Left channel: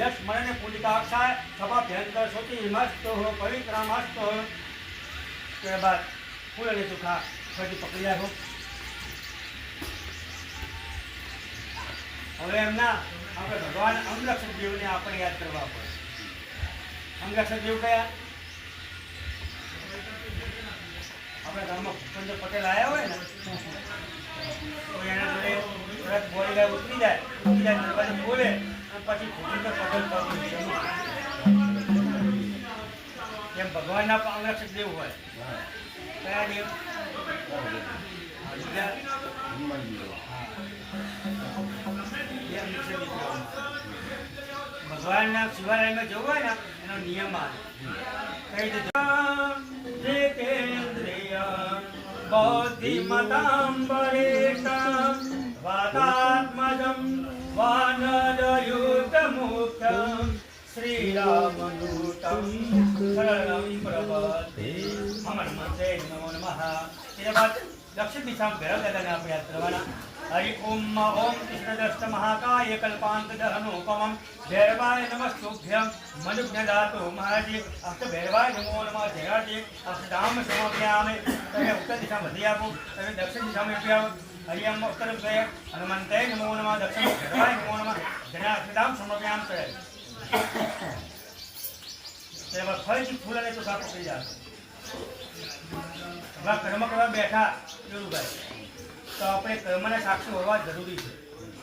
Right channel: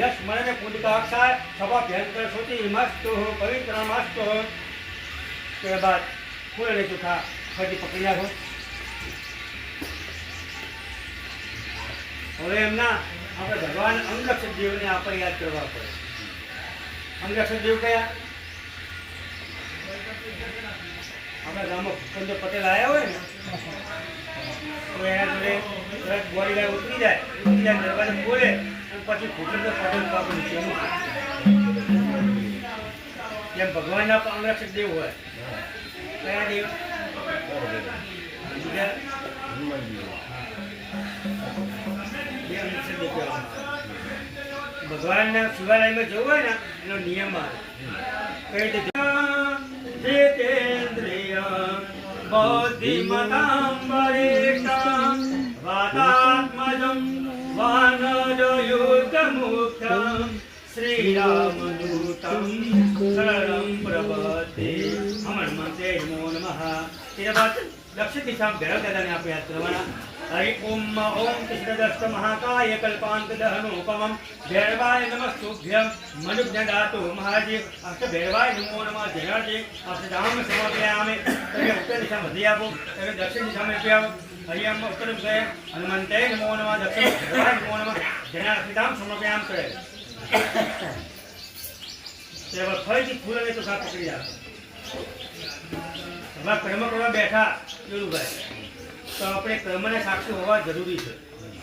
यश स्मरण पुण्यकाक्षा सभा भयंकर सोची मस्त हो पवित्र मस्त हो के बाद फूल ले चुका फजी पकड़िया हो હવે એમના આપણે ભગવાન અંગરક્ષક દેવને આપણે યાદ કરવા પડે. અંગરક્ષક દેવ કયા? આપણા ગામમાં ભૂપેન્દ્ર પટેલ આવ્યા હોય ને તો એના જોડે તરત બોડી ગાય ઉતરી જાય દરવાજે બોલે અને પછી ભૂપેન્દ્ર પટેલ જેમ ભગવાનના અંગરક્ષક દેવ હોય. કયા દેવ? ભગવાનના શિવાલયમાં જવું હોય ને એનો નિયમ આવે. કઈ રીતે બૌદ્ધિમતાંબરેશમ વાતાત્મજમ વાનરયુતમુખ્યમ શ્રીરામદૂતમ શરણમ પ્રભવતે હનુમંતે નમો નમઃ. તે બાદ દક્ષિણ દિશામાં ભૈરવ દાદાને આપણે યાદ કરવાના. हरि ओम ओम कृष्णदस्त महाकाय कल्पांत दहनोपमं भैरवाय नमः शुभ्यं मनुज्ञदातु महाराज अष्ट भैरवाय नमो नमः जयाजे अष्टधाम समर्पयामि. तभी उत्तर दिशा में आपो तभी दक्षिण दिशा में आओ. हरि ओम उत्तर दिशा हनुमंते नमो नमः दक्षिण भैरवाय नमो नमः जया अष्टधाम समर्पयाम करे. तेरे बाद फल फूल ने तो साफ पकड़ी जा कर्म करवा बैठा जोरू भाई तो अपने कर्मने साक्षी होवा जरूरी है.